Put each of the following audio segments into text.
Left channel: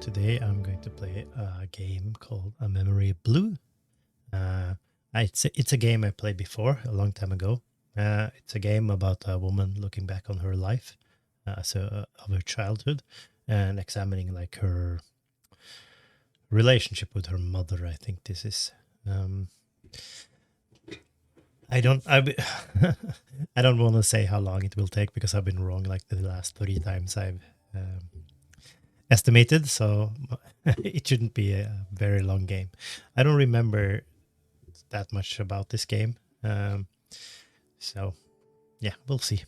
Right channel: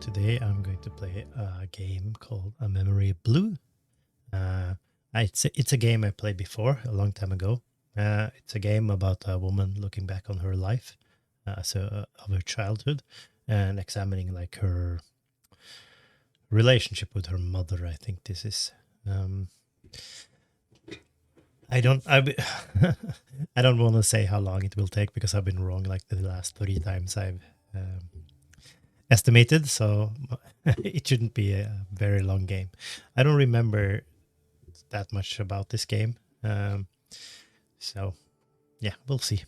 Today I'm going to play a game called A Memory Blue. It's a game I played before a long time ago. It's a game about a woman looking back on her life, of her childhood, and examining like her relationship with her mother. I think this is. I don't. I don't want to say how long it will take because I've been wrong like the last 30 times I've estimated. So it shouldn't be a very long game. I don't remember that much about this game. So yeah, we'll see.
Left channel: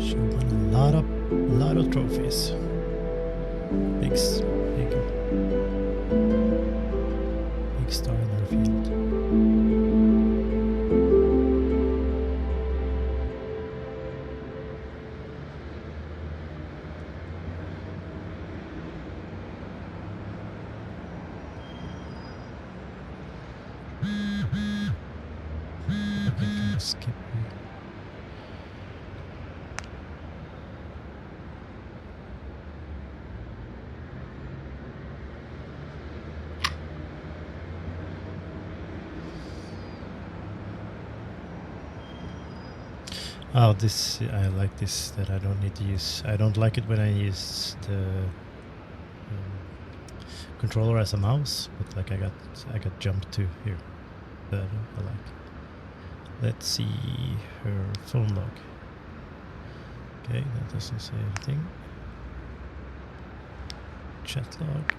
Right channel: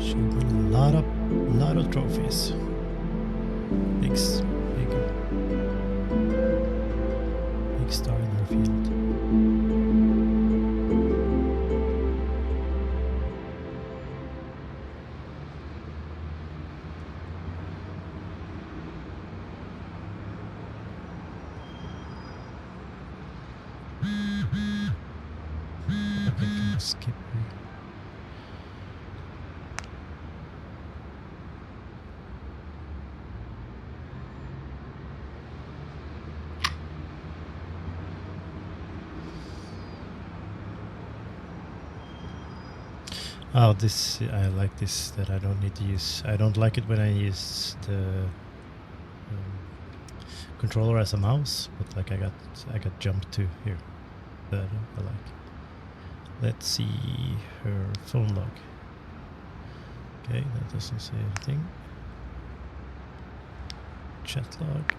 She won a lot of trophies. Big star in her field. I can skip here. Oh, this I like this that I don't need to use. I don't like it when I use the controller as a mouse, but like I got jumped to here. That I like. Let's see her phone log. Okay, that doesn't say anything. Chat log.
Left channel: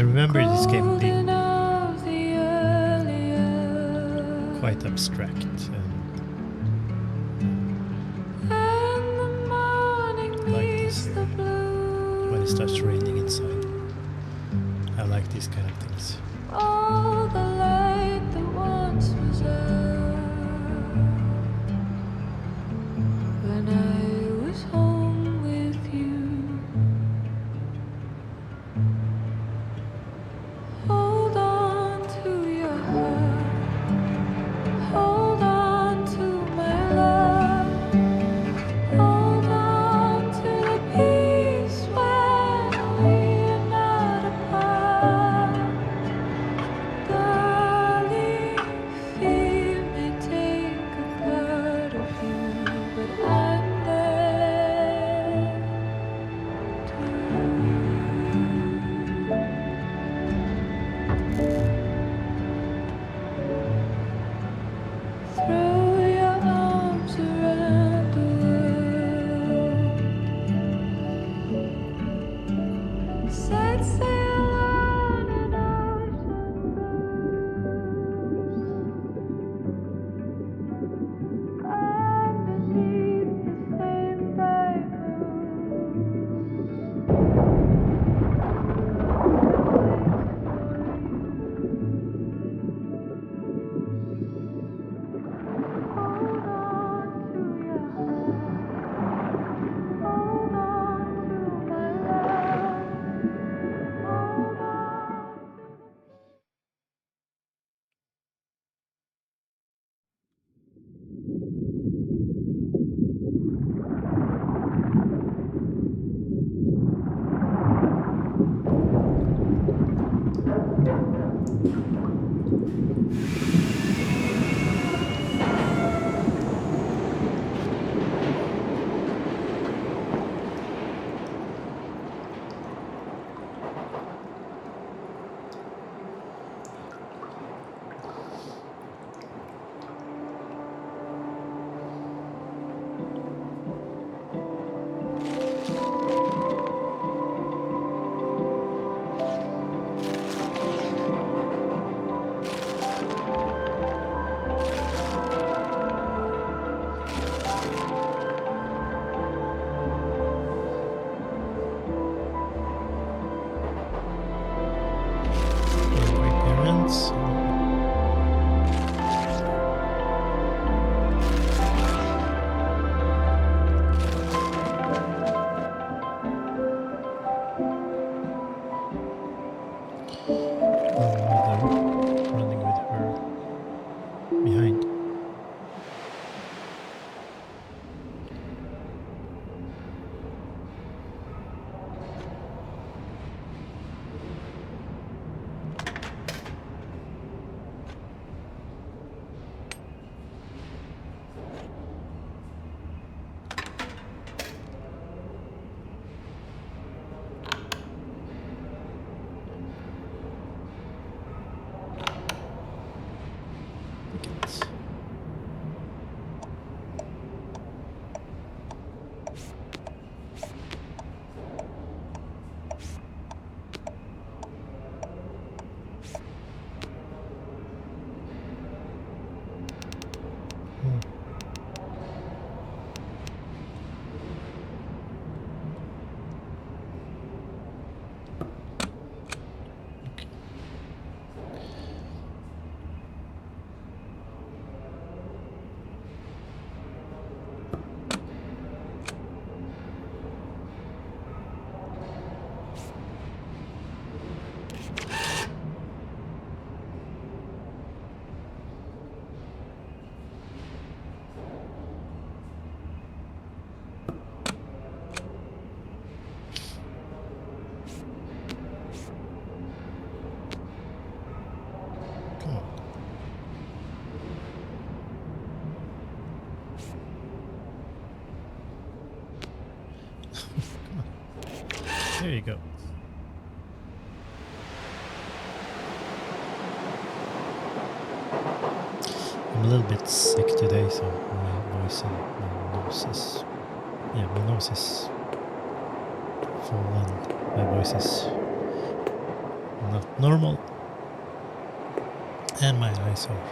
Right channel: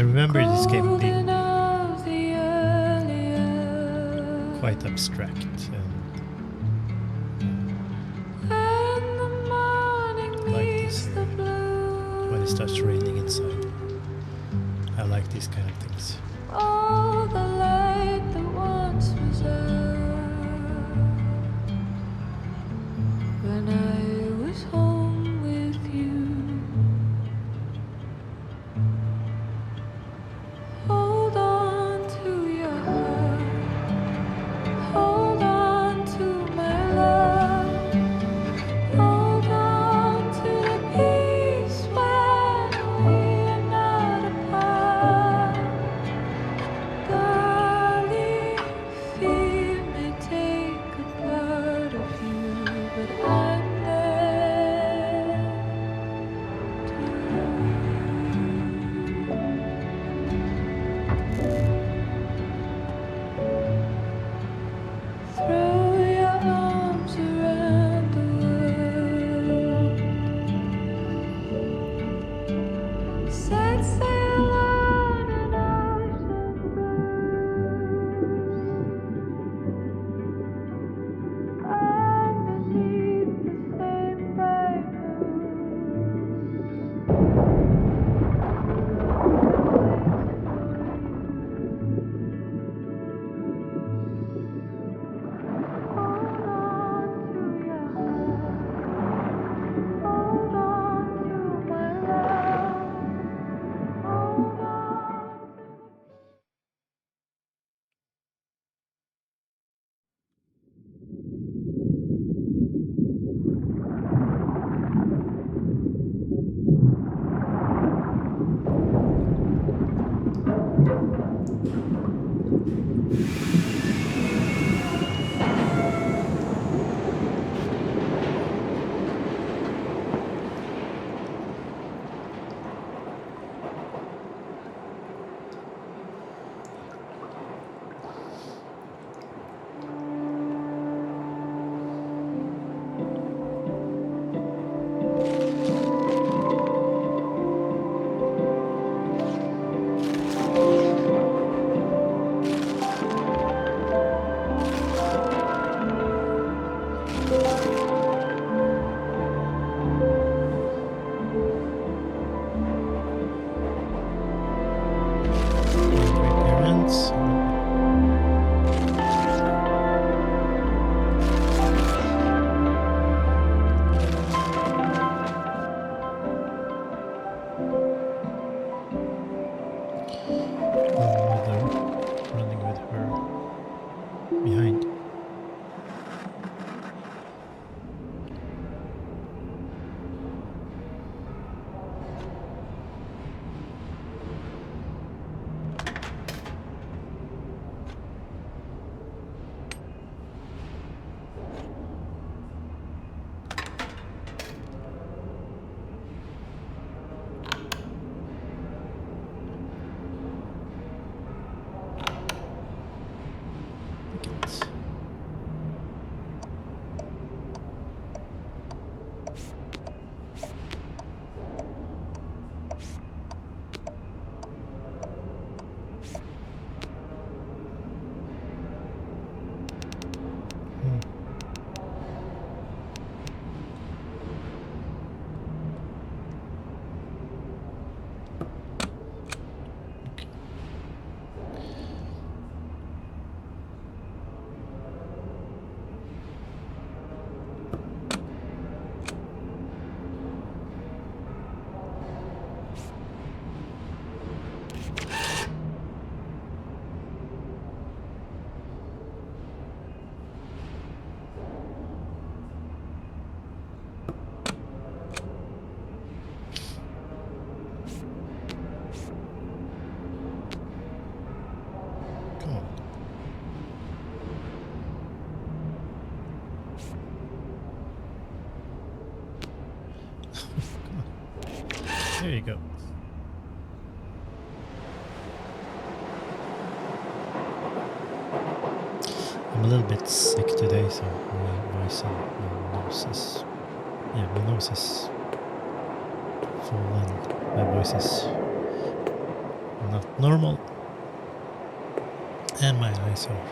I remember this game being quite abstract and like this when it starts raining inside. I like these kind of things. All the light that once was out when I was home with you. Hold on to your heart, hold on to my love, hold on to the peace when we're not apart. Darling, fear may take a part of you, but I'm there too. Throw your arms around the world. Set sail on an ocean blue, underneath the same bright Hold on to your heart, hold on to my love, hold on to Great parents. Mother running with her behind. Tickets. Come on. Come on. There you go. I'm a little bit sick today, so my voice and my nose is... Yeah, my nose is full and my voice is not normal. And my eyes are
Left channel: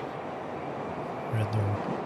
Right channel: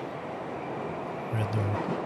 red or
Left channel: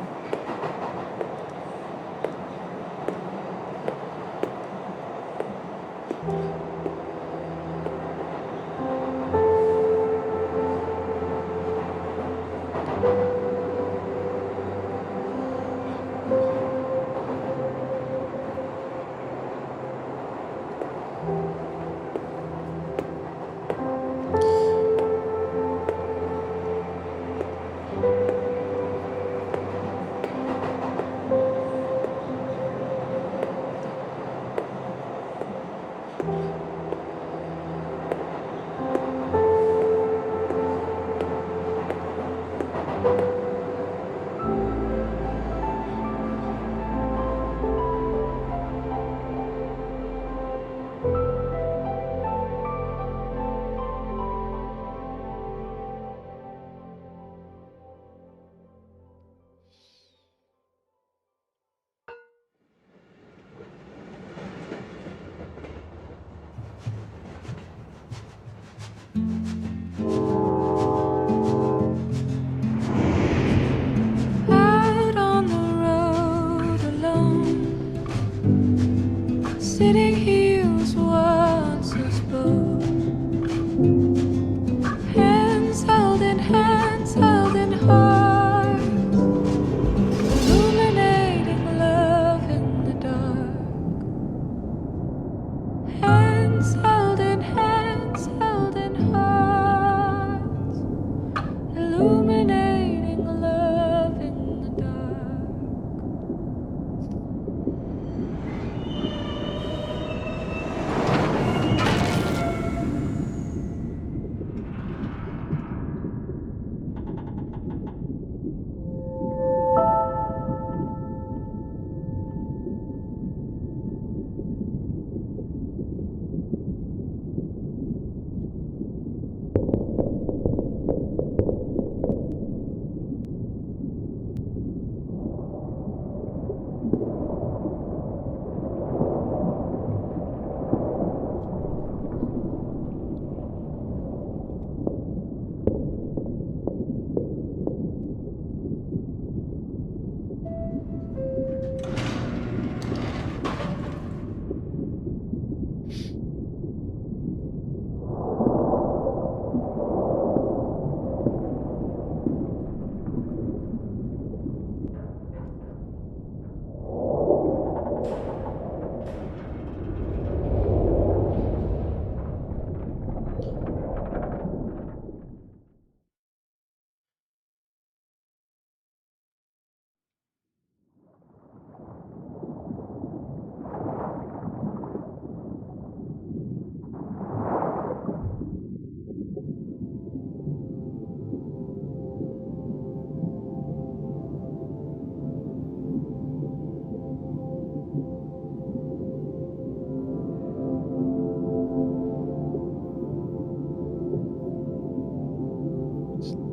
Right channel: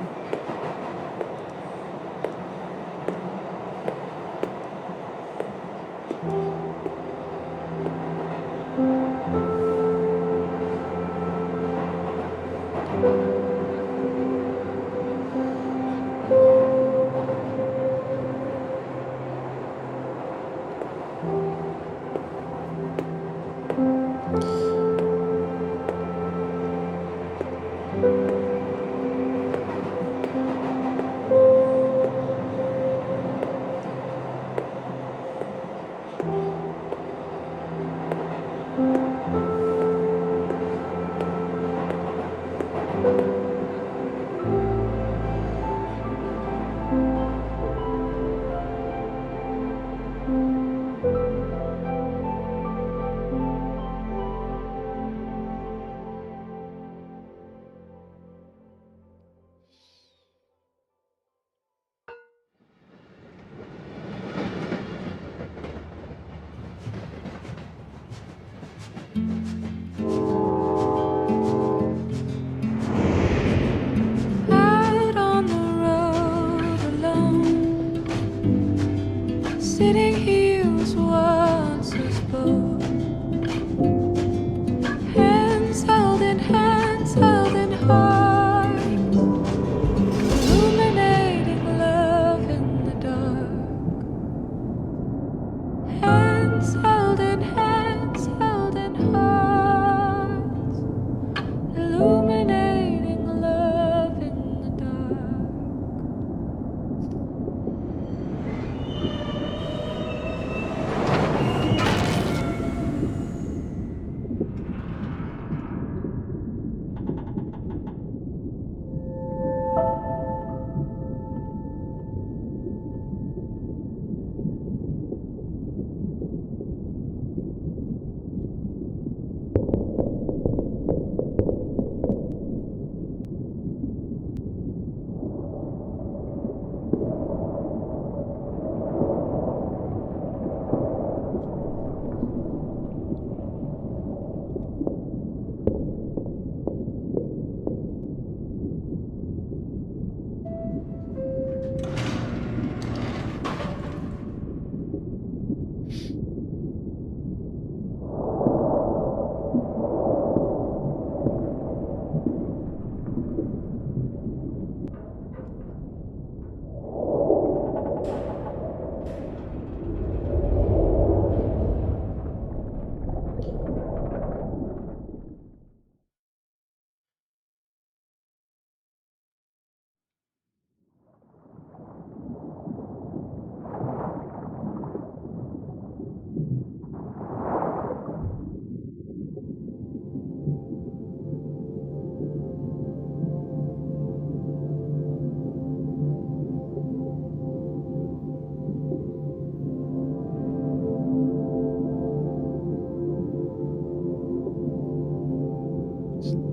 Out on the road alone, sitting here was once us both. Hands held in hearts, illuminating love in the dark. Hands held in hearts, illuminating love in the dark.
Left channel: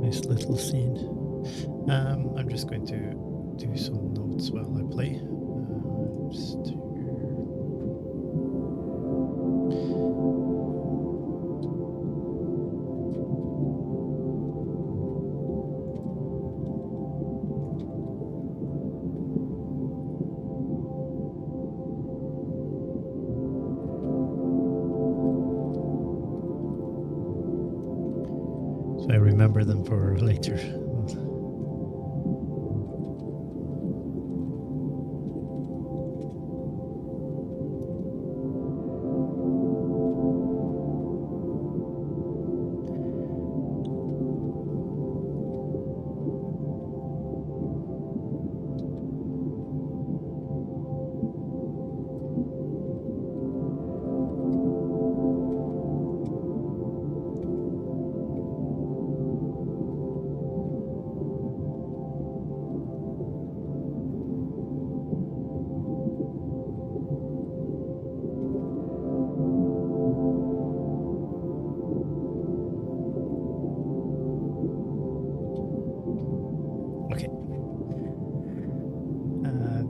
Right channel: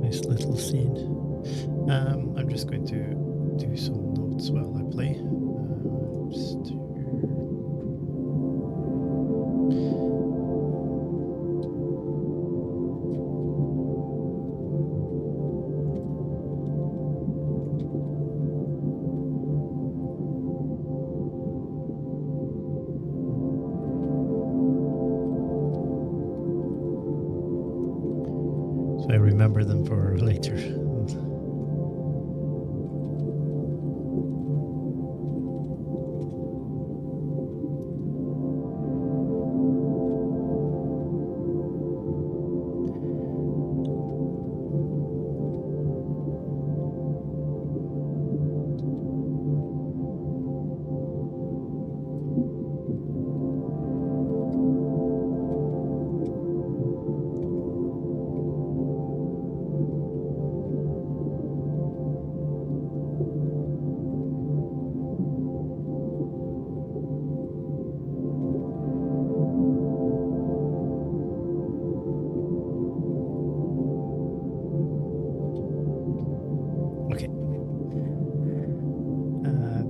nice little scene. I'm just going to do some notes while I play. Just here. So I remember them for later.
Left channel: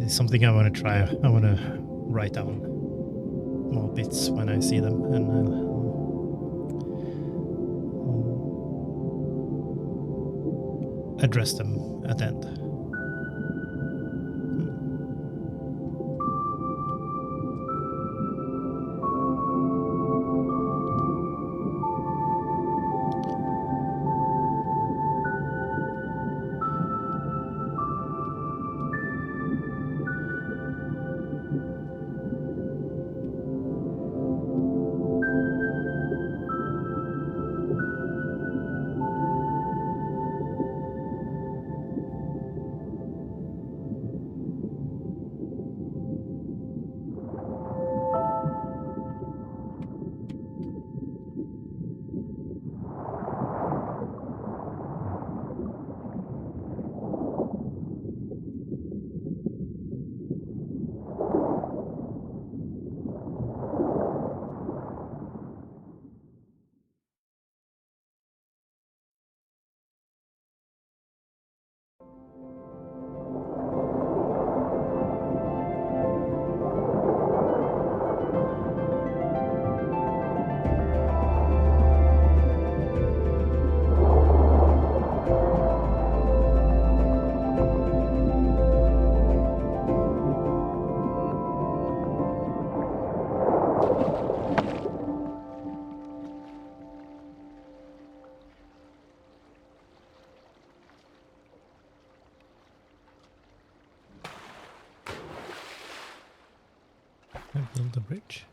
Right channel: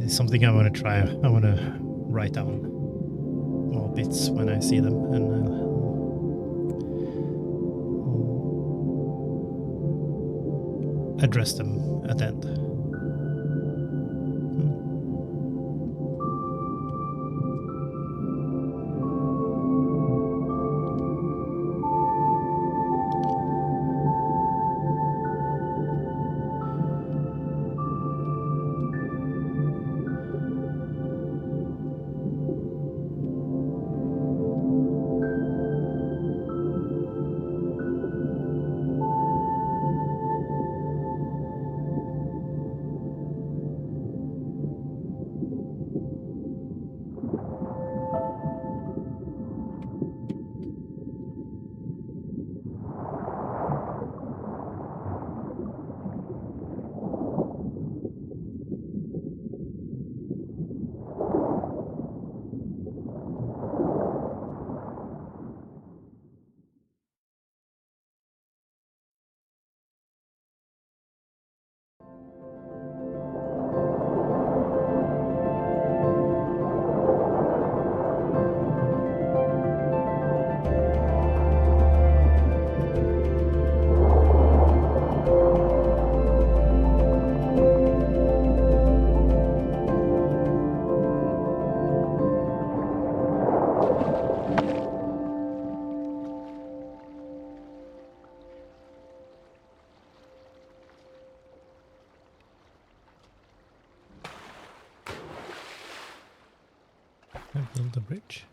It's something I want to try. I want to write down more bits when I see them, and address them at the end. I build a bridge.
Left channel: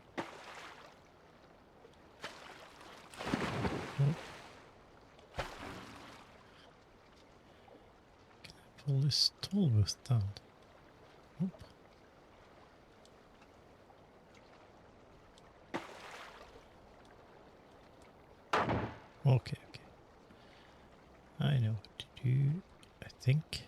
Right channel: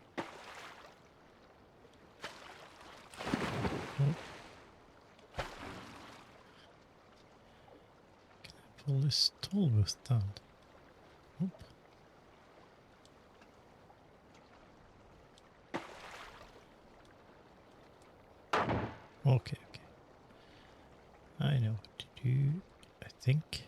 Oh. Can I pull this toll booth down? Nope. Okay, okay. I know what to do, I think.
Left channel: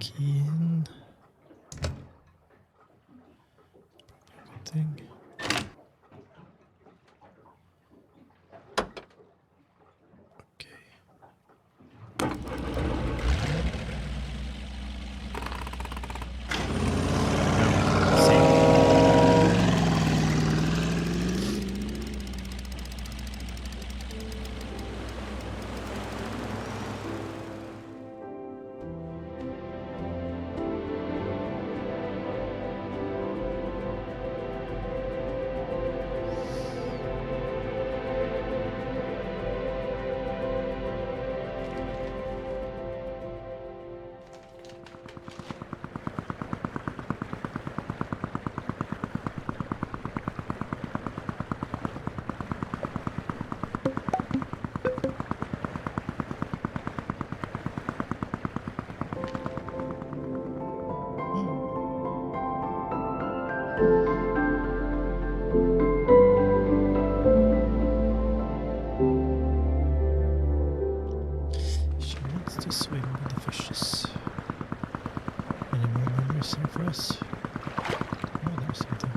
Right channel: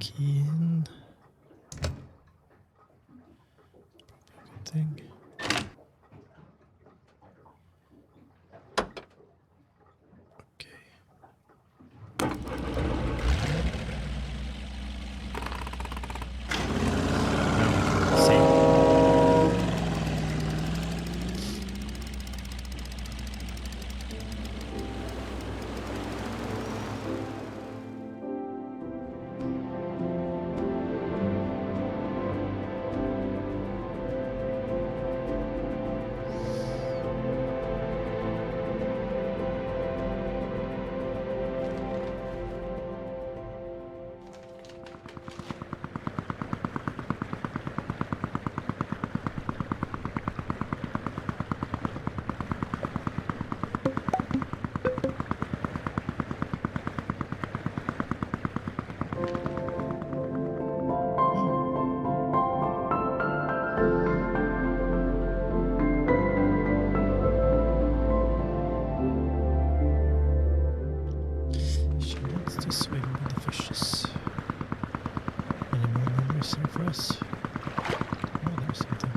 Key in. Good thing. Okay. She wants to swim with the fishes. Any more memories here for us? Oh, there's something.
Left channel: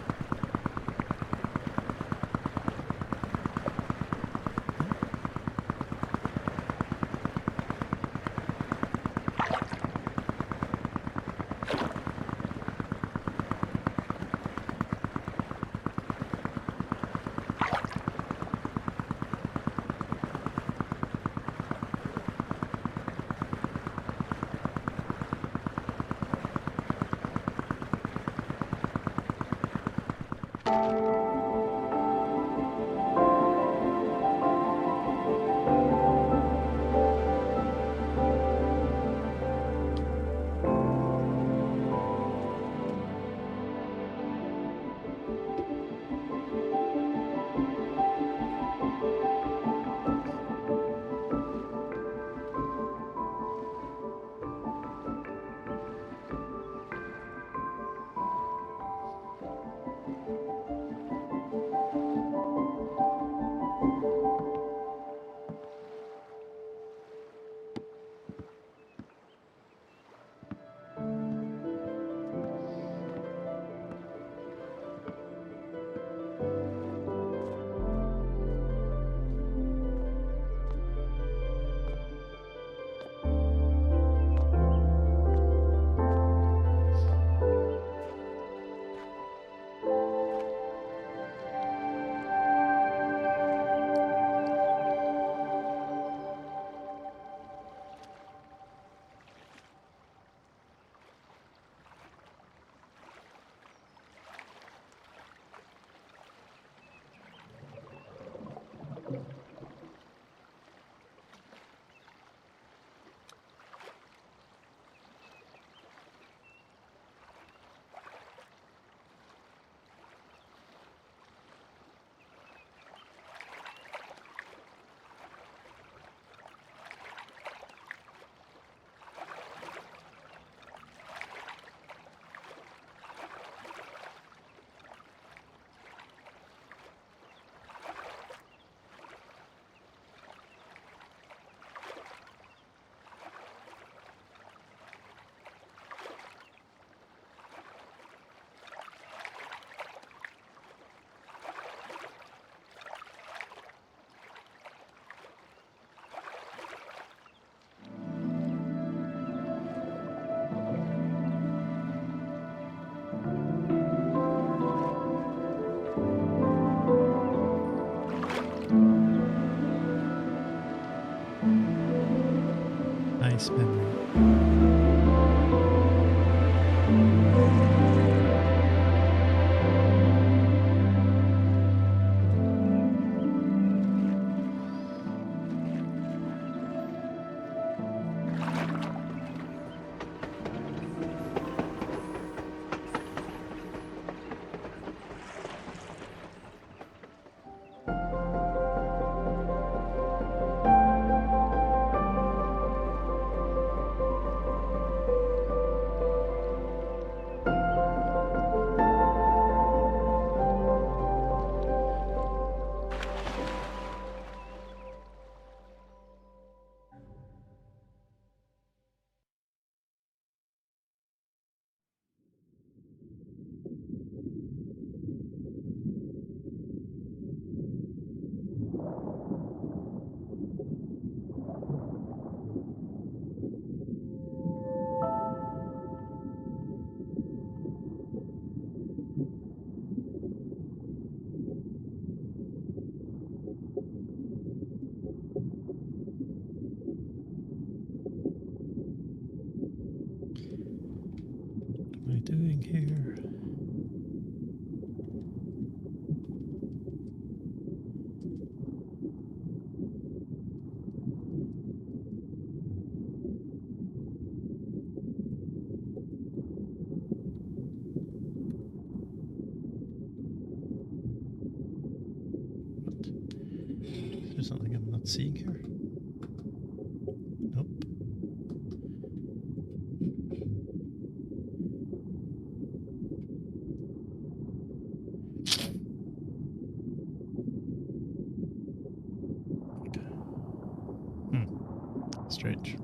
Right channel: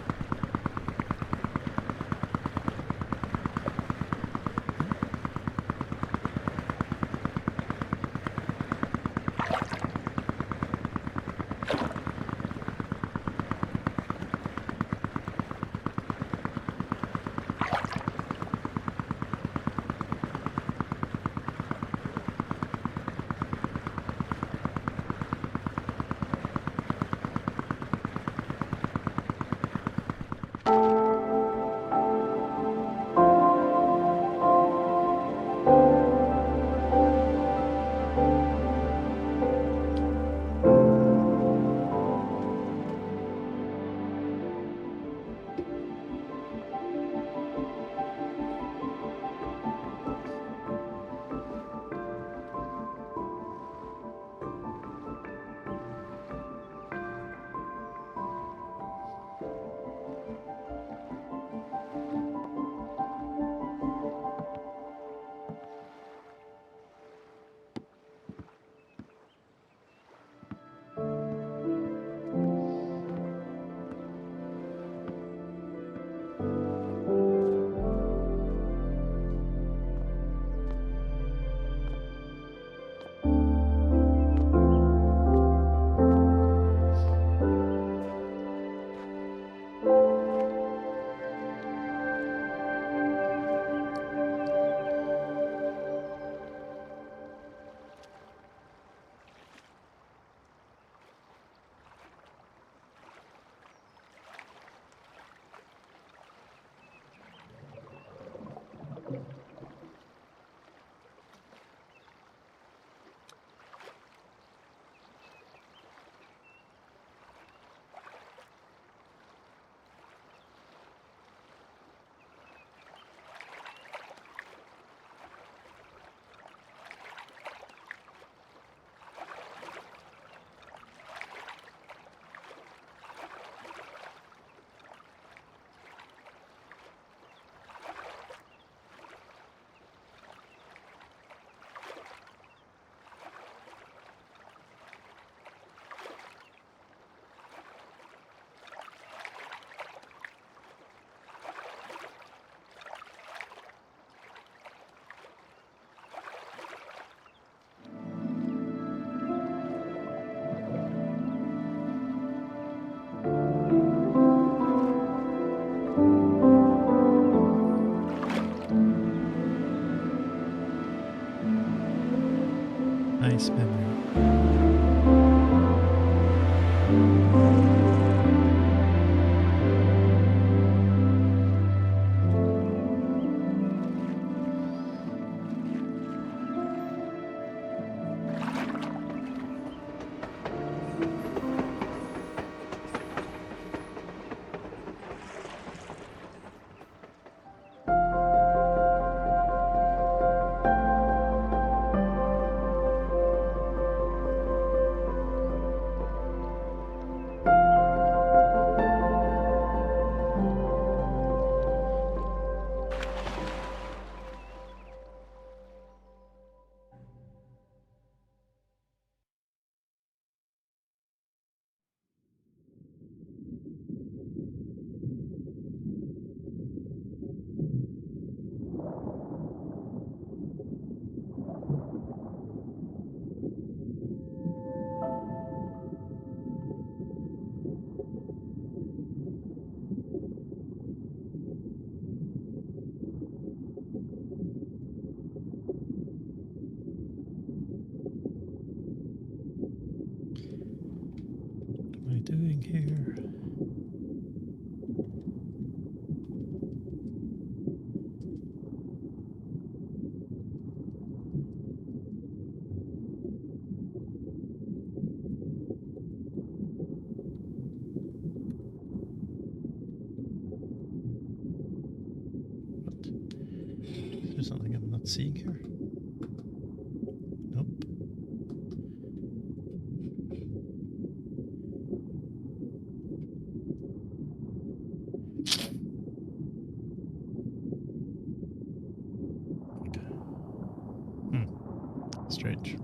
Nice memory. What am I doing here? What? Is there something I'm not seeing here? Nope. strange.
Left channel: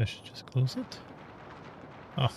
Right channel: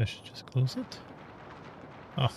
I should just close it. Oh.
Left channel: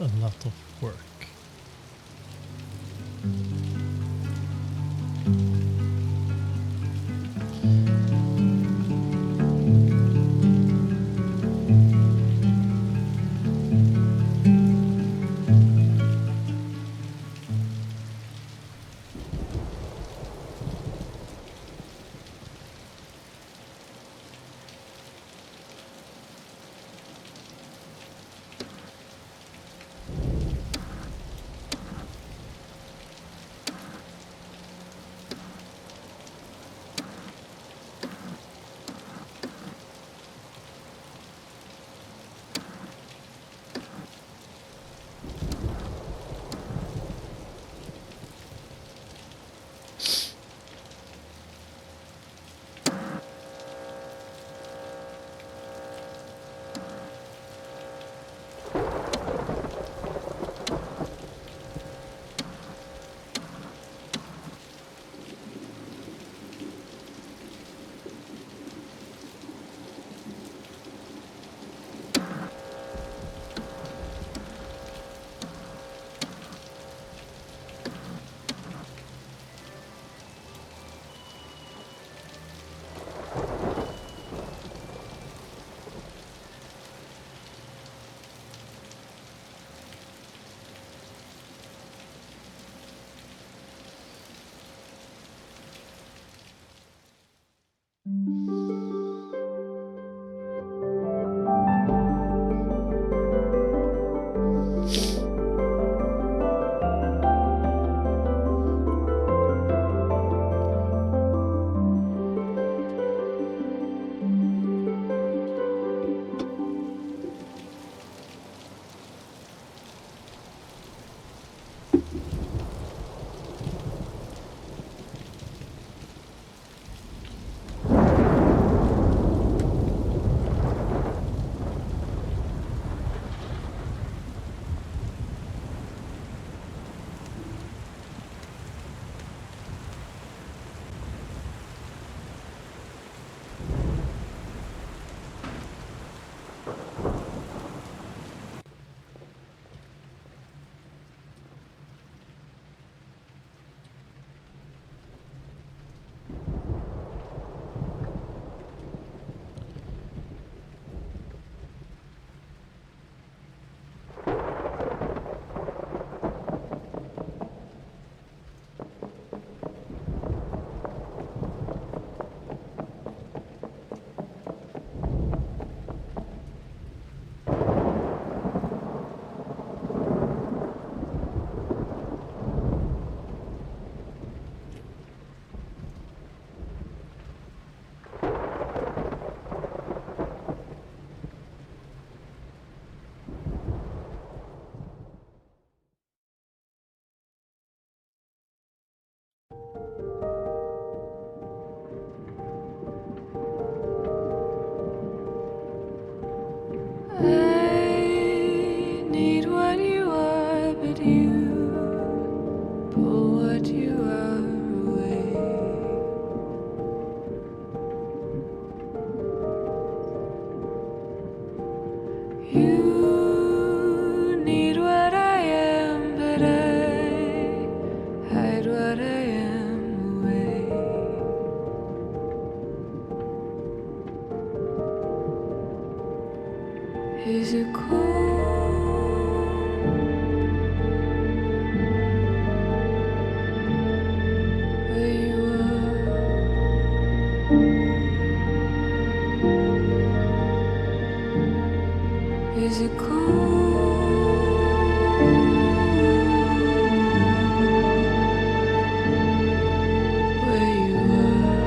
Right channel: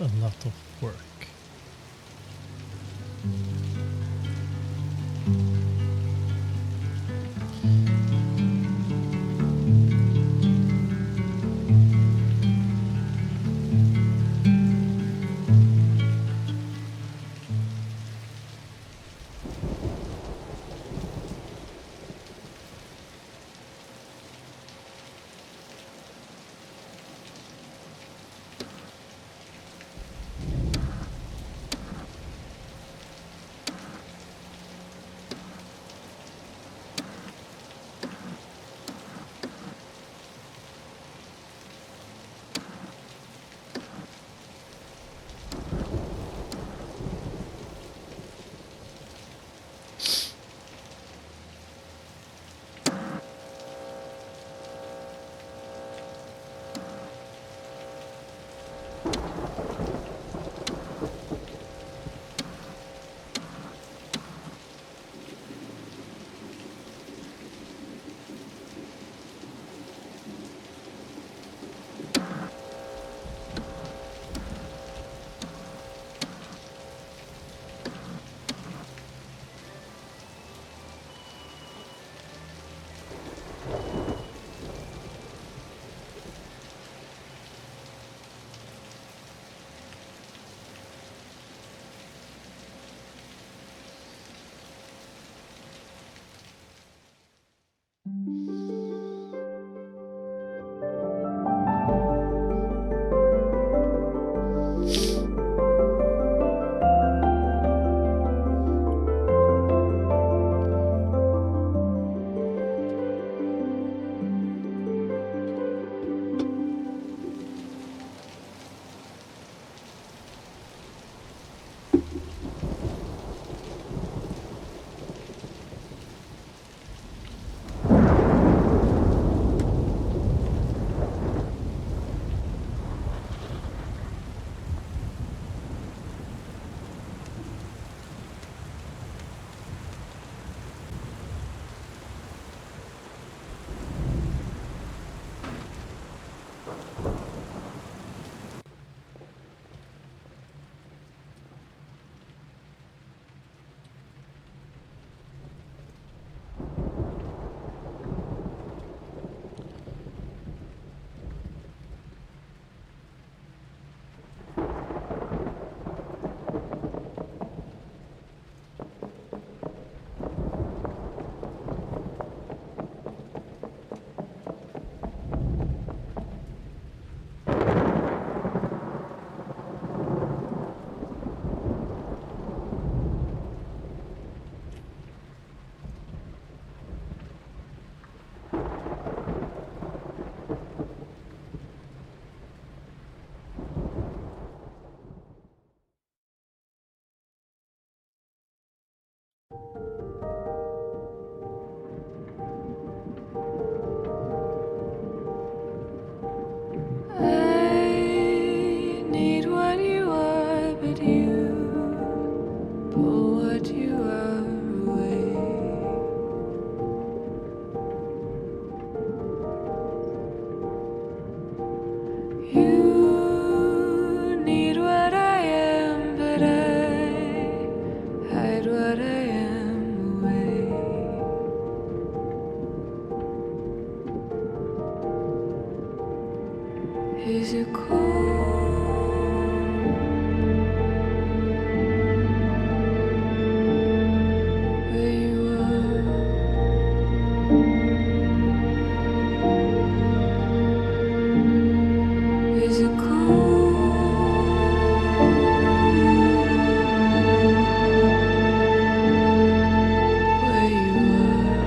A lot of work. You need what I am, but I hide what I am away. Is it cold where you are? Is it cold where you are?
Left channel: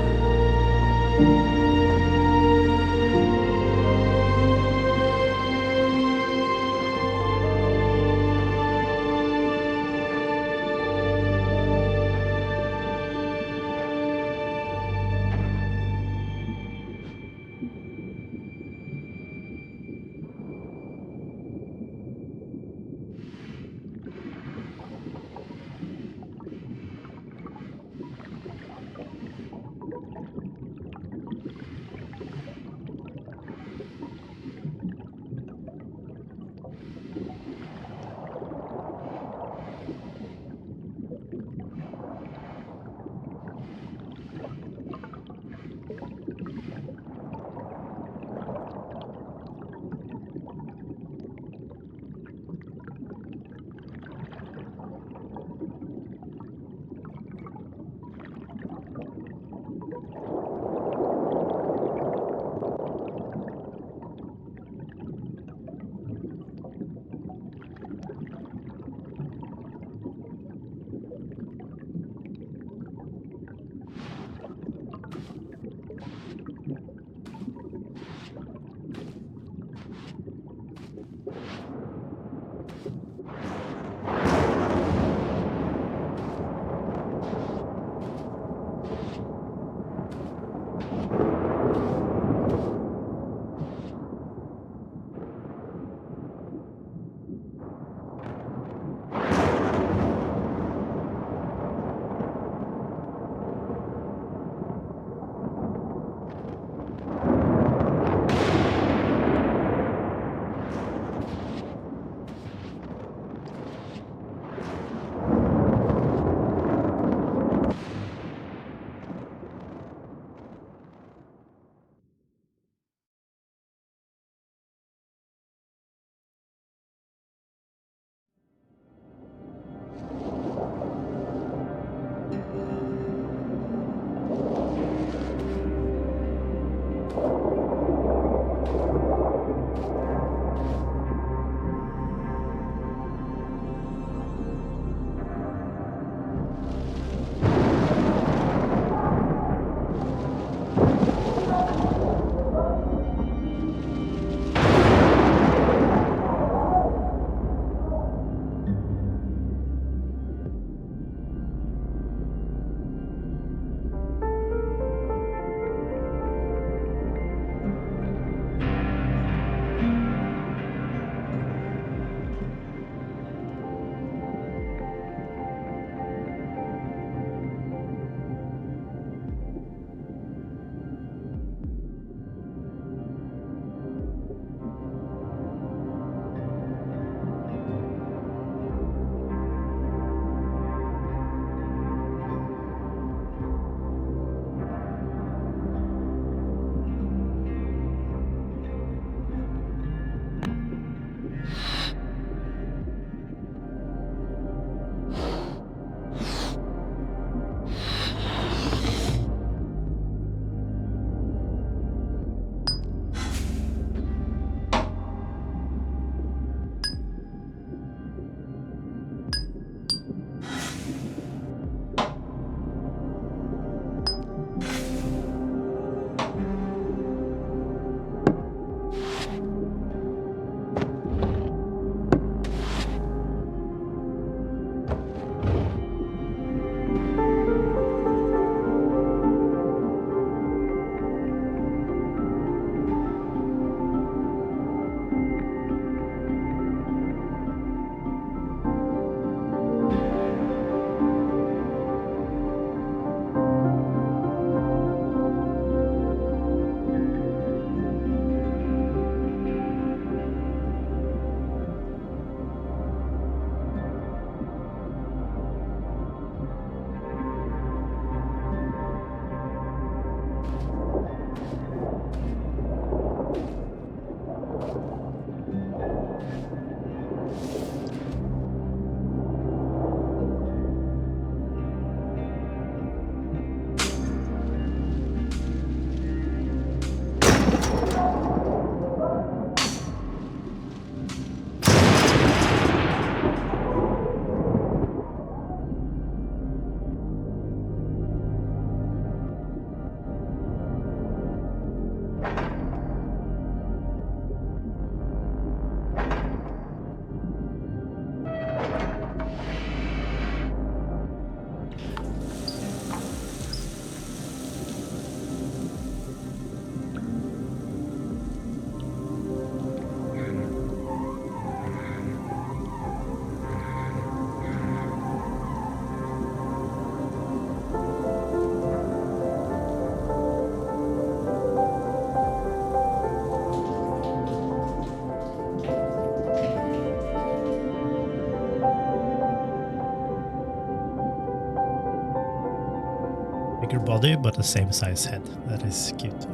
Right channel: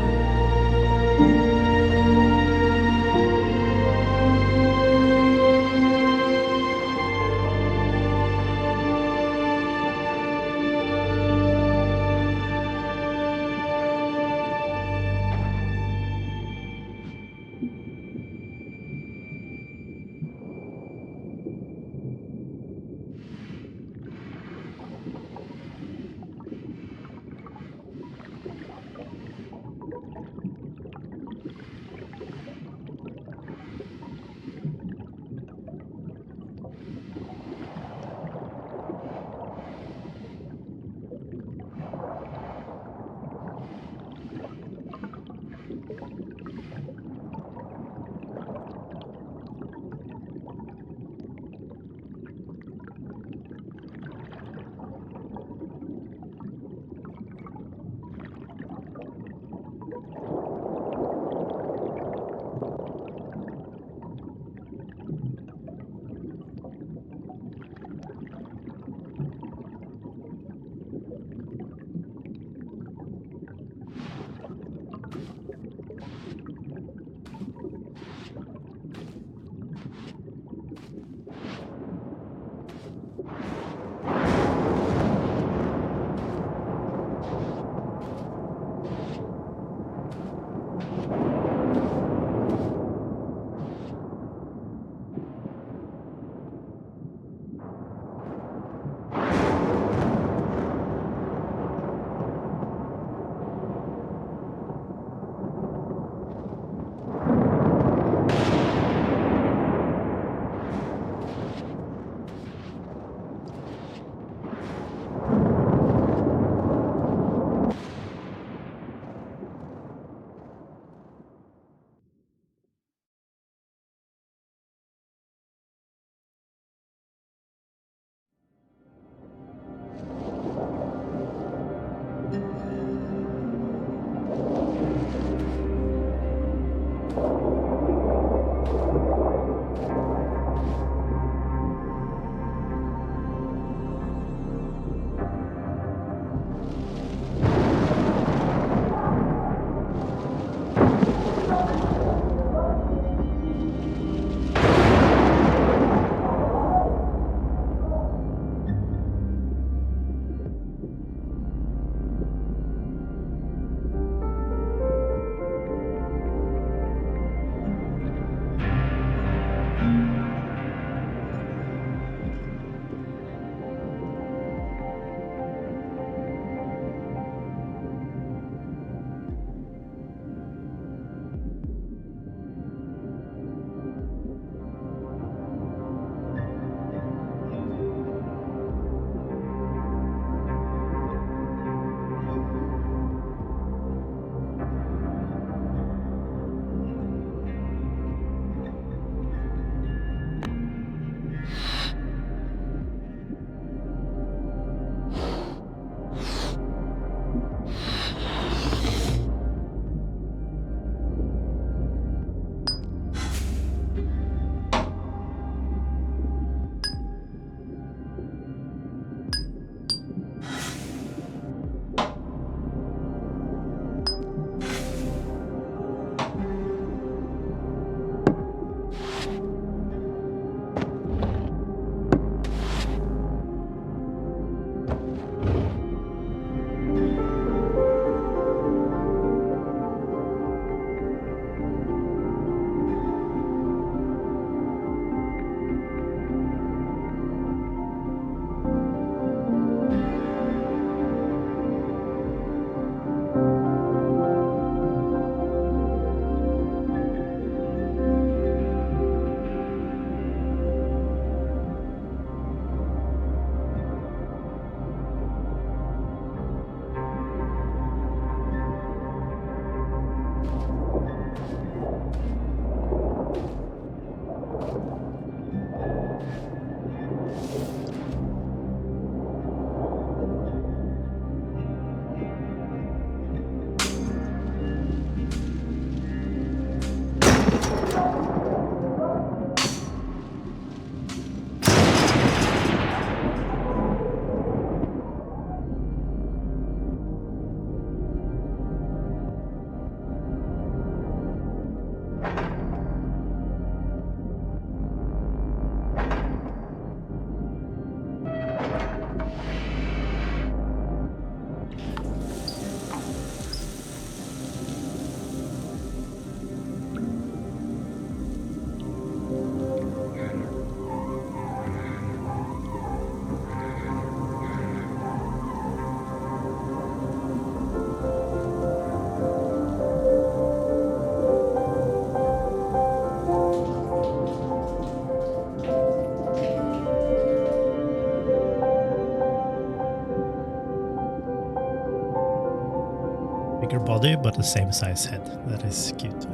bigger body, but the same size head. That is cute.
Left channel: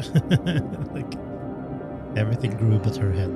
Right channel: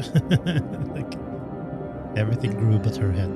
Like everything grew but her head.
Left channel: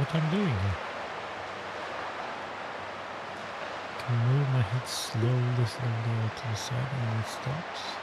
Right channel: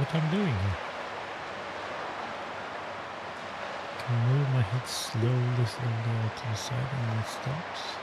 what I'm doing here. Can move my head slowly, slowly out to the side and then it stops.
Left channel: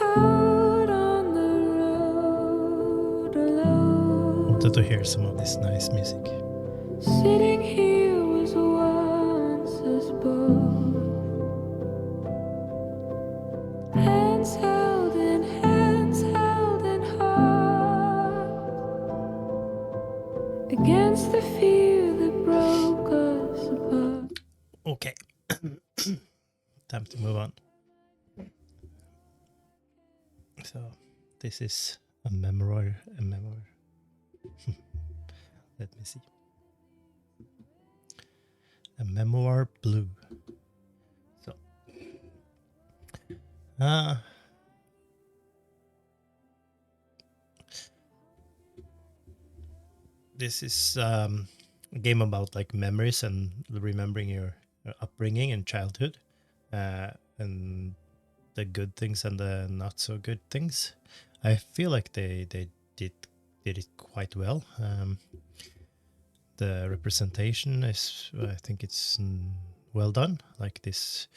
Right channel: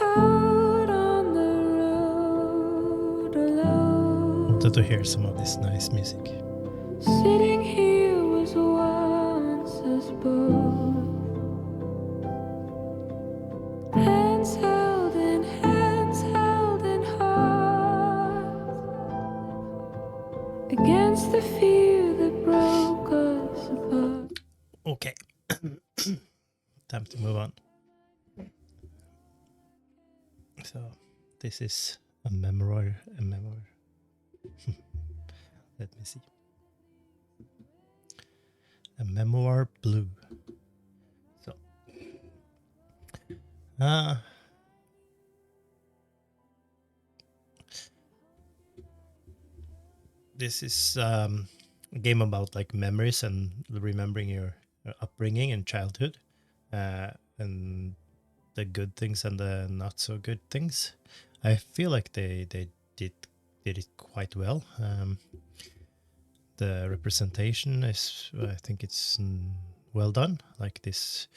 out on the road alone. Wanted to hear some of this nice music. Sitting here was once us both, hands held in heart, against the fear that broke us apart. Okay. Time to move on. So this is a memoir. Let me see. A memoir blue. So this is a game about like memories and remembering your upbringing and childhood, and the good things and the not so good things. I feel like they did it quite well. The representation is, I think it's well done. Like this,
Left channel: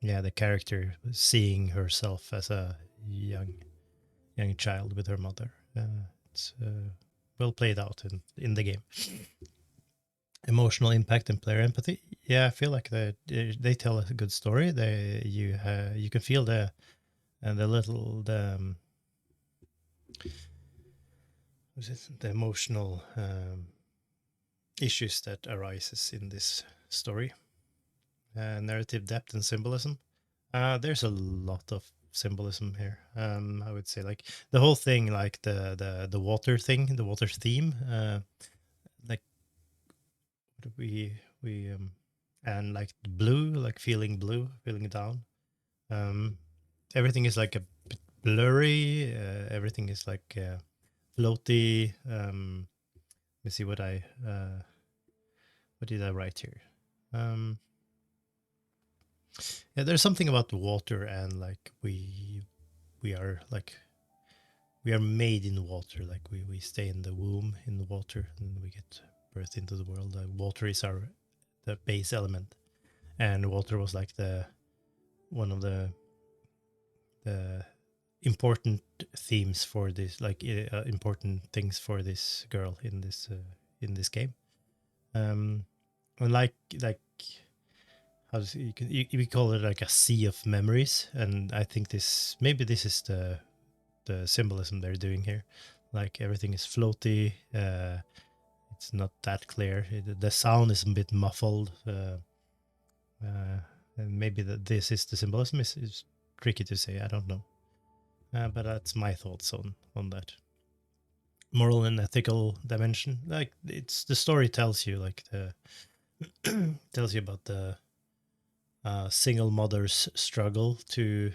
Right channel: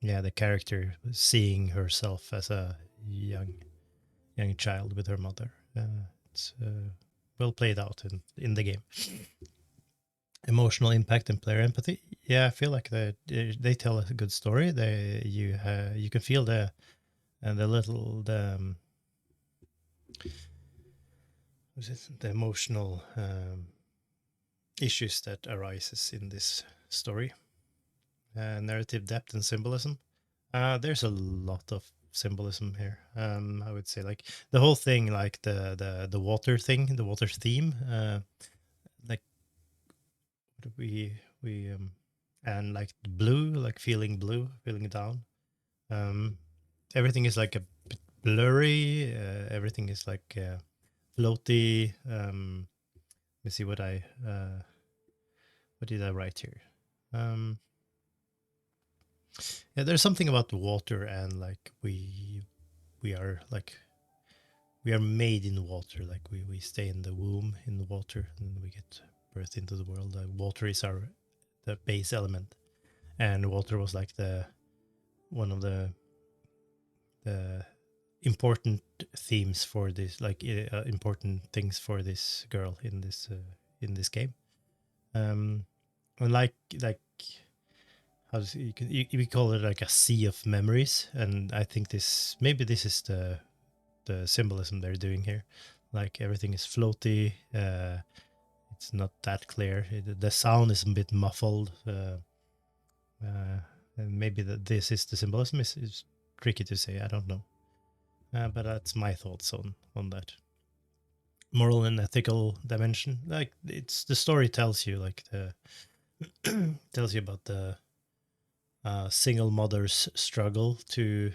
yeah, the character seeing herself as a young child with her mother. It's well played out in the game. Emotional impact and player empathy. Yeah, I feel like they tell a good story. You can feel the emotional issues that arises in this story. Narrative depth and symbolism. There's a lot of symbolism here. I would say like the whole thing, like the water thing, the water theme. Like we and like blue, like feeling blue, feeling down. Everything is like a bit blurry. Everything is like floaty. Let me see what did I write here. Yeah, there's something about the water, and like we are like we are made in water. Like we stay in the womb in the water, and we get birth into the world. Water is the base element, and water was like the one of the important themes for this, like important things for this girl in this game. And like how does we call it like a sea of memories, and I think this is the symbolism they're doing here. Like everything is floaty. It's not that clear. The sound is a bit muffled. And maybe this is the symbolism. Is tricky to say. I don't know. But that's my thoughts on that. Moral and ethical dimension. Like it's the story tells you like the tells you about the single mother's struggle to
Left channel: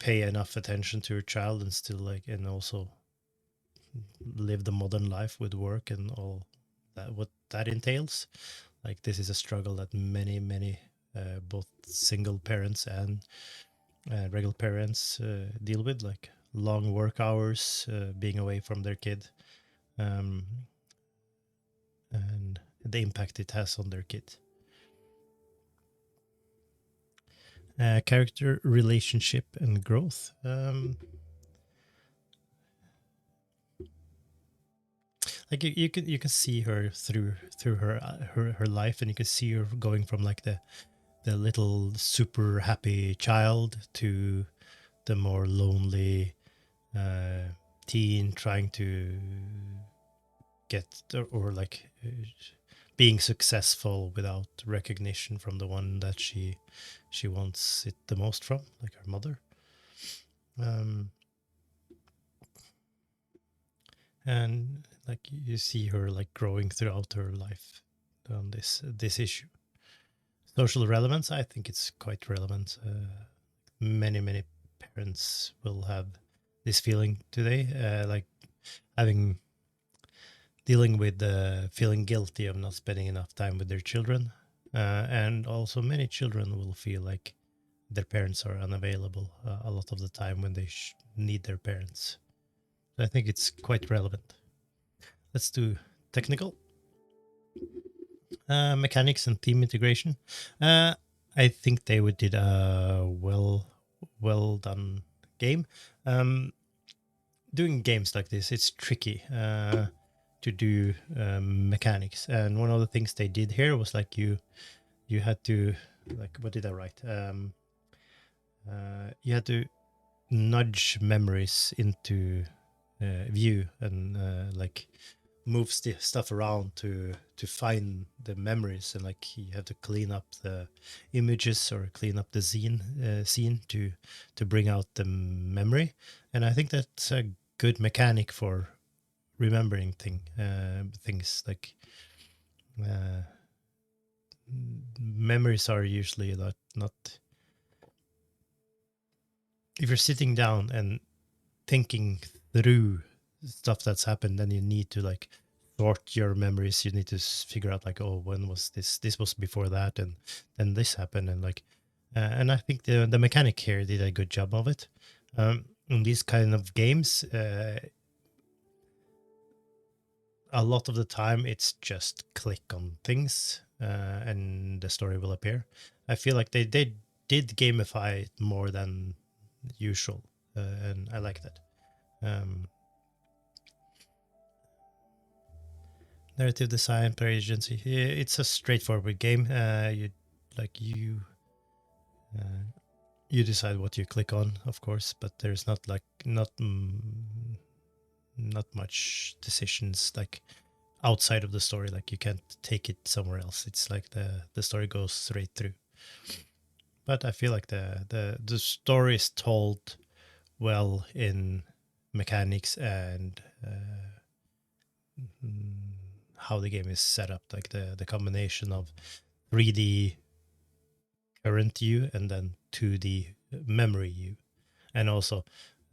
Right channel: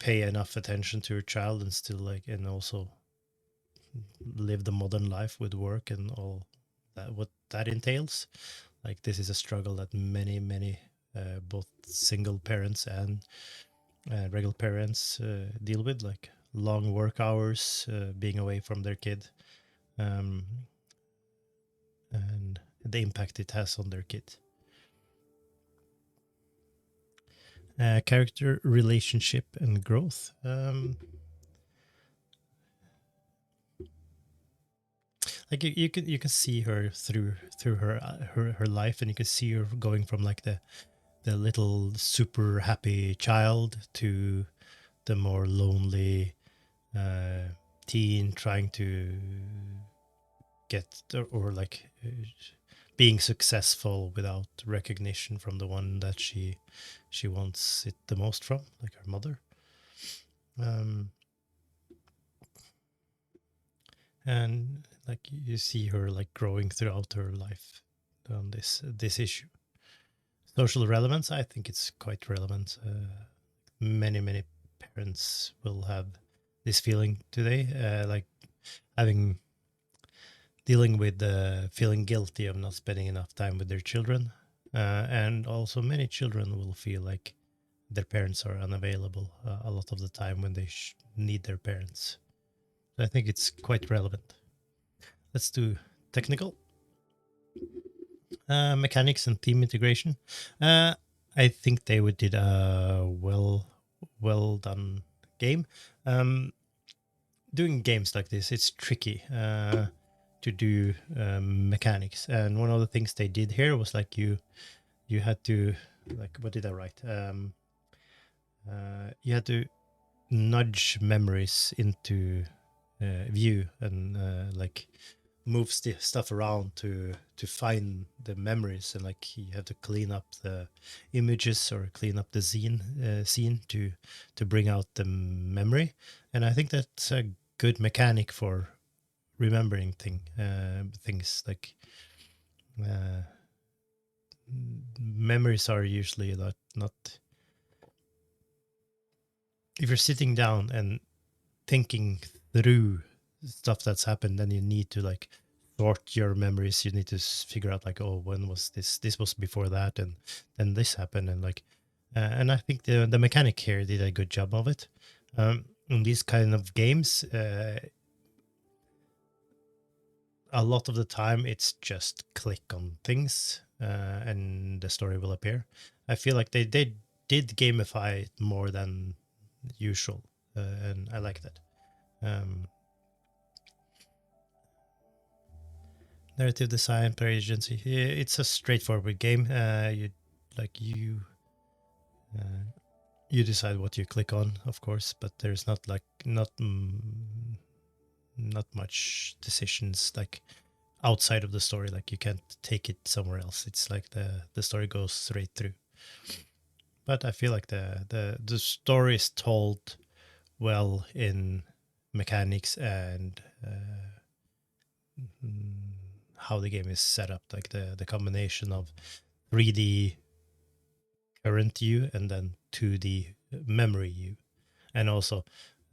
pay enough attention to her child and still like and also live the modern life with work and all that what that entails. Like this is a struggle that many both single parents and regular parents deal with, like long work hours, being away from their kid, and the impact it has on their kid. Character, relationship, and growth. Like you can see her through her life, and you can see her going from like the little super happy child to the more lonely teen trying to get or like being successful without recognition from the one that she wants it the most from, like her mother. And like you see her like growing throughout her life on this issue. Social relevance, I think it's quite relevant. Many parents will have this feeling today, like dealing with feeling guilty of not spending enough time with their children, and also many children will feel like their parents are unavailable a lot of the time when they need their parents. So I think it's quite relevant. Let's do technical. Mechanics and theme integration. I think they would did a well done game. Um, Doing games like this, it's tricky to do mechanics, and one of the things they did here was like you had to, like, what did I write? You had to nudge memories into view and like move stuff around to find the memories, and like you have to clean up the images or clean up the scene to bring out the memory. And I think that's a good mechanic for remembering things like uh, memories are usually not if you're sitting down and thinking through stuff that's happened, then you need to like sort your memories. You need to figure out like, oh, when was this was before that, and then this happened, and like and I think the mechanic here did a good job of it. In these kind of games, a lot of the time it's just click on things and the story will appear. I feel like they did gamify it more than usual, and I like that. um, Narrative design per agency. It's a straightforward game. You like uh, you decide what you click on, of course, but there's not like not much decisions like outside of the story. Like you can't take it somewhere else. It's like the story goes straight through. But I feel like the story is told well in mechanics and how the game is set up, like the combination of 3D current you and then 2D memory you. And also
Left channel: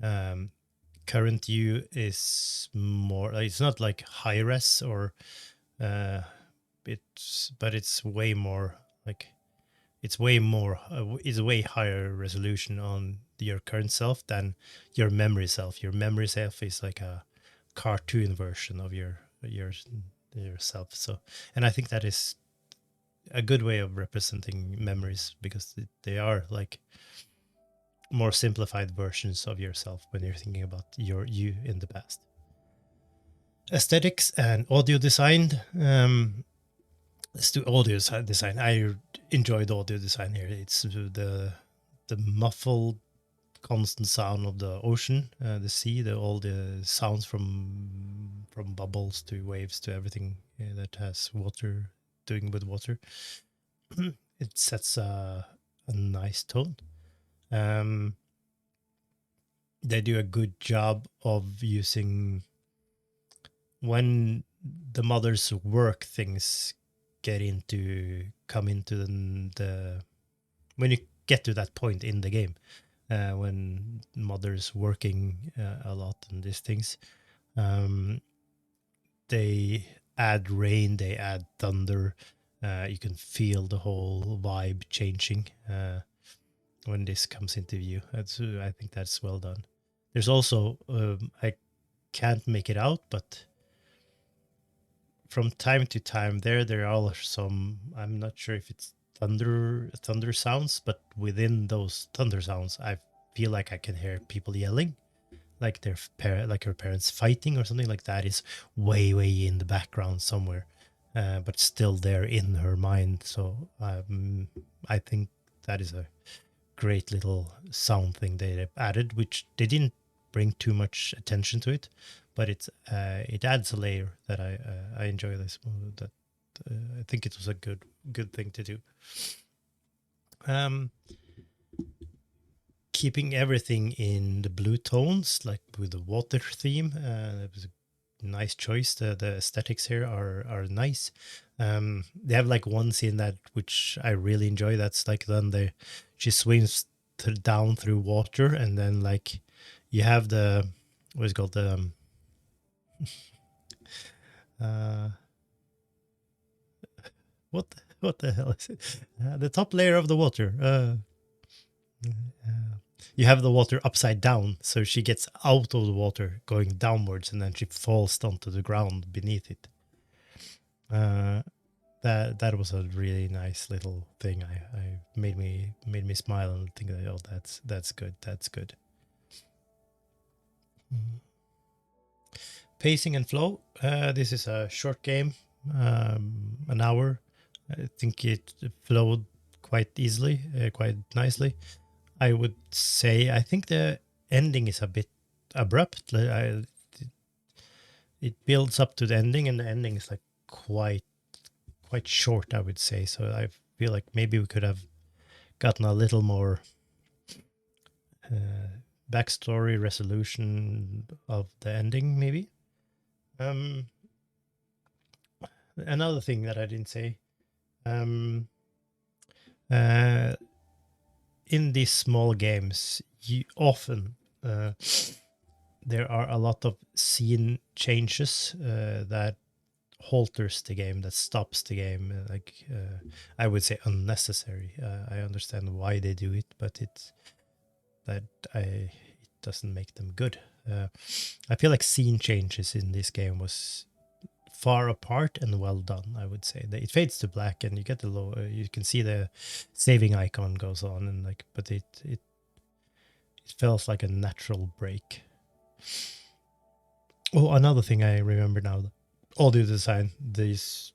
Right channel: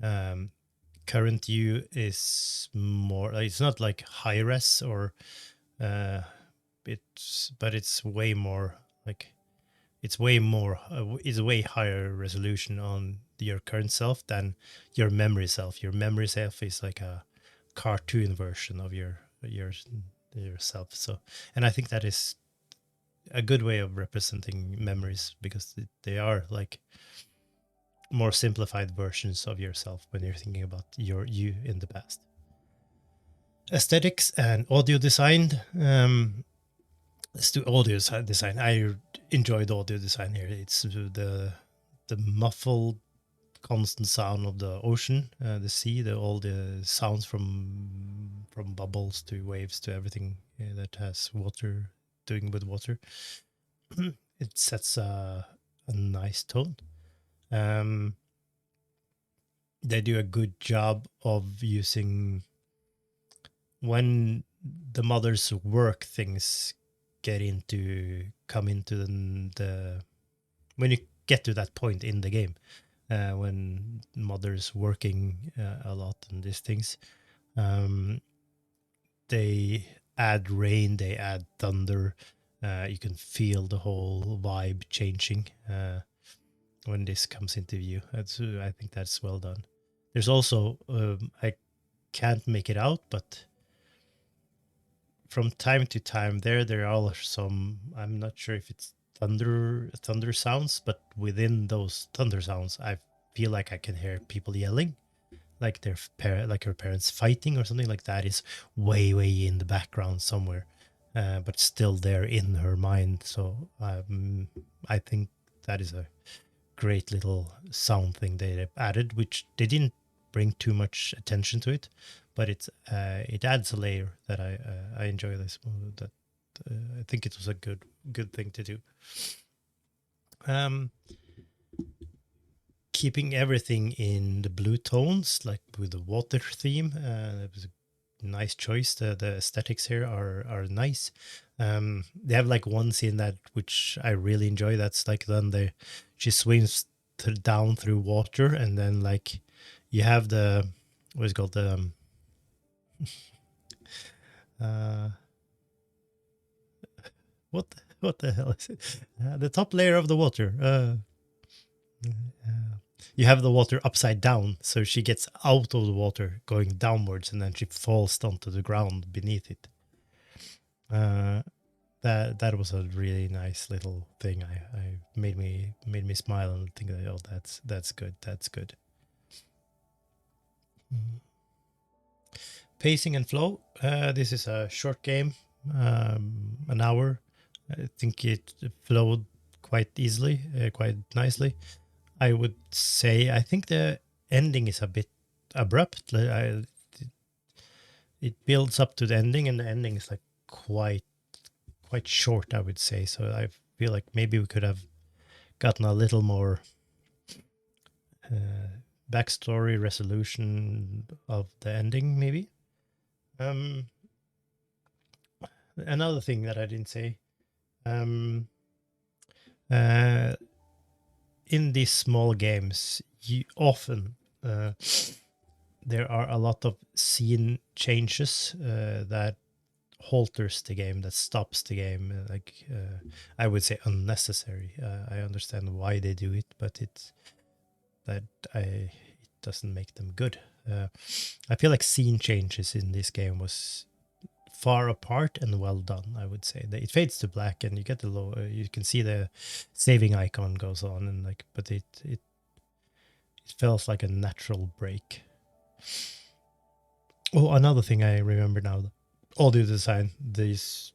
um, current you is more, it's not like high res or uh, but it's way more like it's way higher resolution on your current self than your memory self. Your memory self is like a cartoon version of yourself. So, and I think that is a good way of representing memories because they are like more simplified versions of yourself when you're thinking about you in the past. Aesthetics and audio design. Let's do audio design. I enjoyed audio design here. It's the muffled constant sound of the ocean, the sea, all the sounds from bubbles to waves to everything that has water doing with water. It sets a nice tone. Um, they do a good job of using when the mother's work things come into the when you get to that point in the game, when mother's working a lot on these things, um, they add rain, they add thunder. You can feel the whole vibe changing when this comes into view. I think that's well done. There's also I can't make it out, but from time to time there are some, I'm not sure if it's thunder sounds, but within those thunder sounds I feel like I can hear people yelling, like like her parents fighting or something like that is way in the background somewhere, but still there in her mind. So I think that is a great little sound thing they added, which they didn't bring too much attention to it, but it adds a layer that I enjoy this movie. That I think it was a good thing to do. Um, Keeping everything in the blue tones, like with the water theme, it was a nice choice. The aesthetics here are nice. They have like one scene that which I really enjoy. That's like then she swims down through water, and then like you have the what is it called the uh, what the hell is it? The top layer of the water. You have the water upside down, so she gets out of the water going downwards, and then she falls onto the ground beneath it. that was a really nice little thing. I made me smile and think that, oh, that's good. That's good. Mhm. Pacing and flow. This is a short game, an hour. I think it flowed quite easily, quite nicely. I would say I think the ending is a bit abrupt. It builds up to the ending, and the ending is like quite short, I would say. So I feel like maybe we could have gotten a little more backstory resolution of the ending, maybe. Um, Another thing that I didn't say, um, uh, in these small games, you often there are a lot of scene changes that halters the game, that stops the game. I would say unnecessary. I understand why they do it, but that it doesn't make them good. I feel like scene changes in this game was far apart and well done. I would say it fades to black, and you get the low. You can see the saving icon goes on, and like, but it feels like a natural break. Oh, another thing I remember now: the audio design. These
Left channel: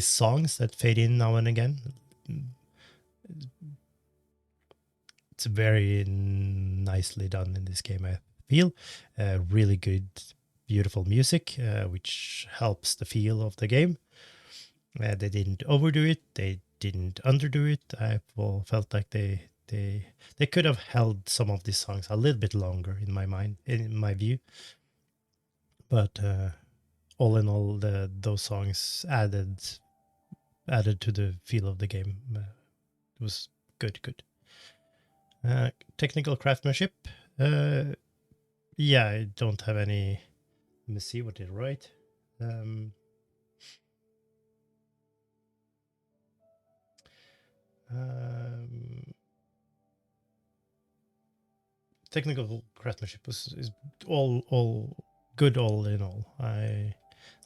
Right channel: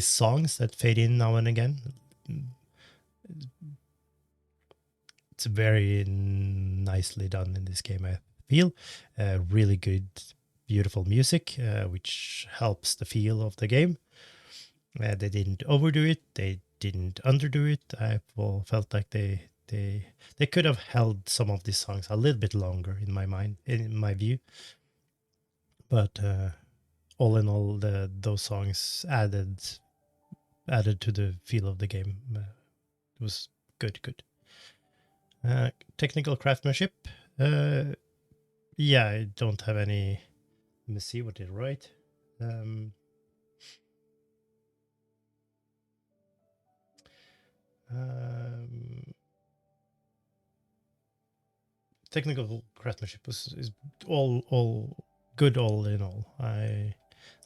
songs that fade in now and again. It's very nicely done in this game. I feel really good, beautiful music, which helps the feel of the game. They didn't overdo it. They didn't underdo it. I felt like they could have held some of these songs a little bit longer in my mind, in my view. But all in all, those songs added to the feel of the game. It was good. Technical craftsmanship. Uh, yeah, I don't have any. Let me see what they write. Um, um, Technical craftsmanship is all good all in all. I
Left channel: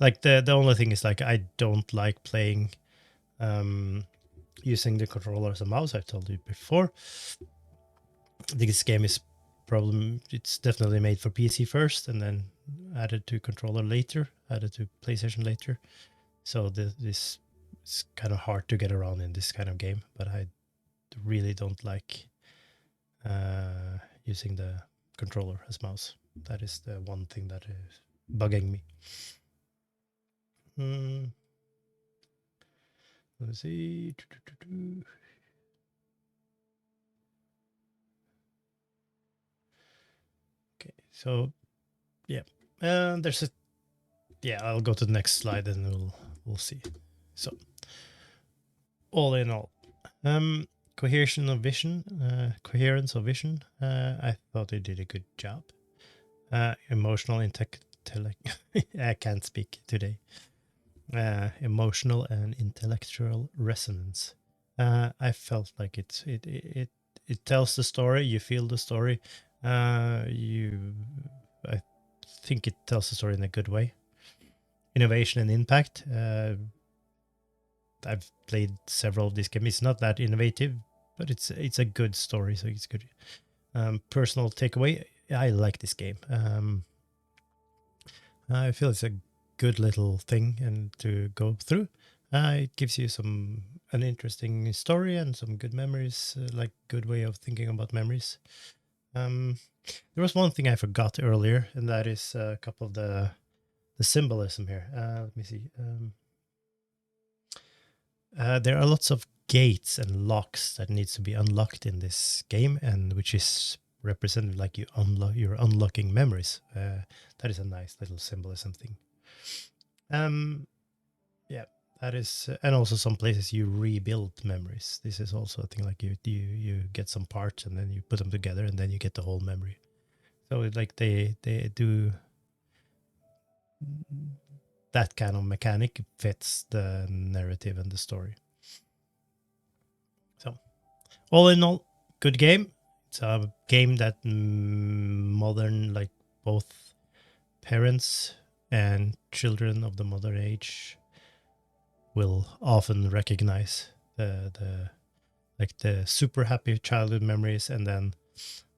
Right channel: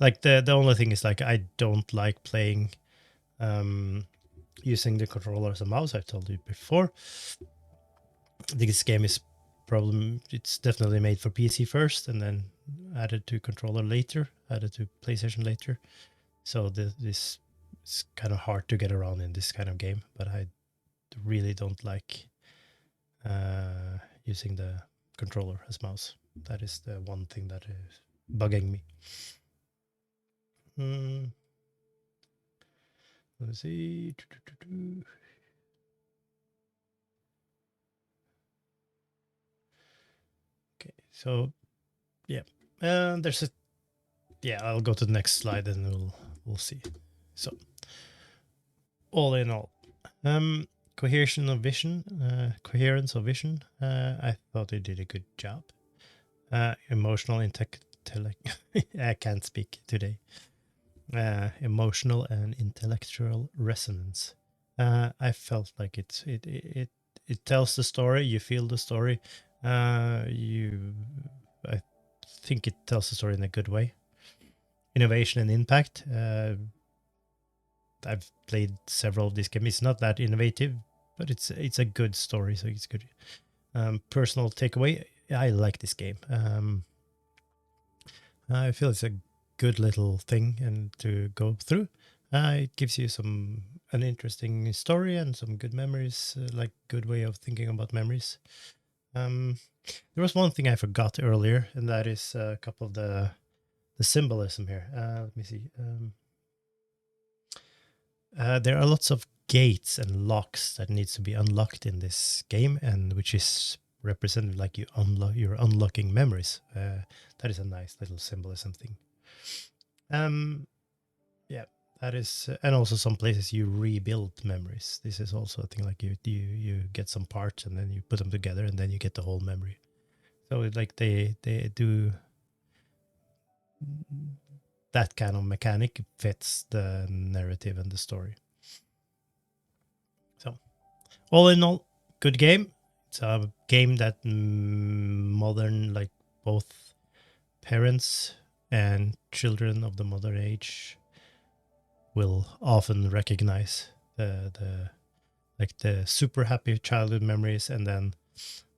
like the only thing is like I don't like playing using the controller as a mouse. I've told you before. This game is problem. It's definitely made for PC first, and then added to controller later, added to PlayStation later. So this is kind of hard to get around in this kind of game. But I really don't like using the controller as mouse. That is the one thing that is bugging me. Mm, let's see. Okay, so yeah, there's a yeah. I'll go to the next slide and we'll see. So all in all, cohesion of vision, coherence of vision. I thought they did a good job. Emotional intellect. I can't speak today. Emotional and intellectual resonance. I felt like it tells the story. You feel the story. I think it tells the story in a good way. Innovation and impact. I've played several of these games. It's not that innovative, but it's a good story, so it's good. Personal takeaway. I like this game. I feel it's a good little thing and to go through. It gives you an interesting story and some good memories, like good way of thinking about memories. There was one thing I forgot earlier, and that is a couple of the symbolism here. Let me see. There are lots of gates and locks that needs to be unlocked in this game, and which is represented like you're unlocking memories. That is a nice little symbolism thing. Yeah, that is, and also some places you rebuild memories. This is also a thing like you get some parts and then you put them together and then you get the whole memory. So like they do that kind of mechanic fits the narrative and the story. So all in all, good game. It's a game that modern, like both parents and children of the modern age will often recognize the like the super happy childhood memories, and then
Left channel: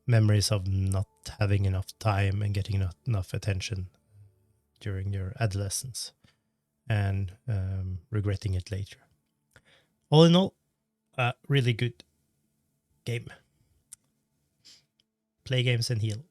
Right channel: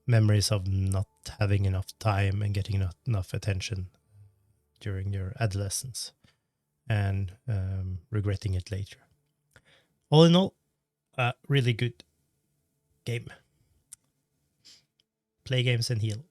memories of not having enough time and getting enough attention during your adolescence, and regretting it later. All in all, a really good game. Play games and heal.